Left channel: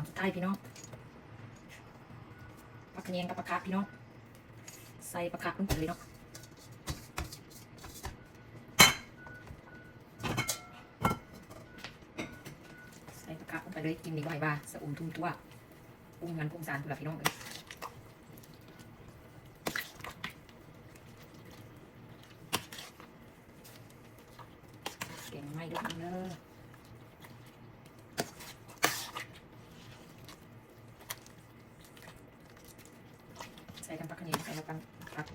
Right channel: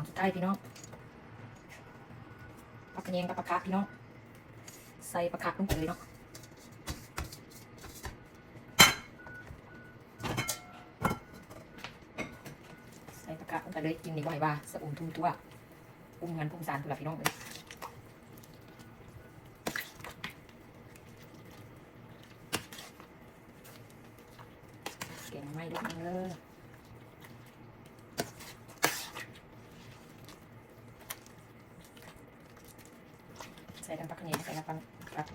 อนสุดท้ายพี่น้องผักแยงกับผักคะพี่น้องใส่ผักคะลงไปเลยเนาะใส่ผักคะลงไปเลยกินดีกว่าสะอุ่มทุ่มตัวปรุงมันปรุงสารตัวละพี่น้องเลยเก่งไม่ด้วยเลยใส่กันผักแยงใส่กันผัก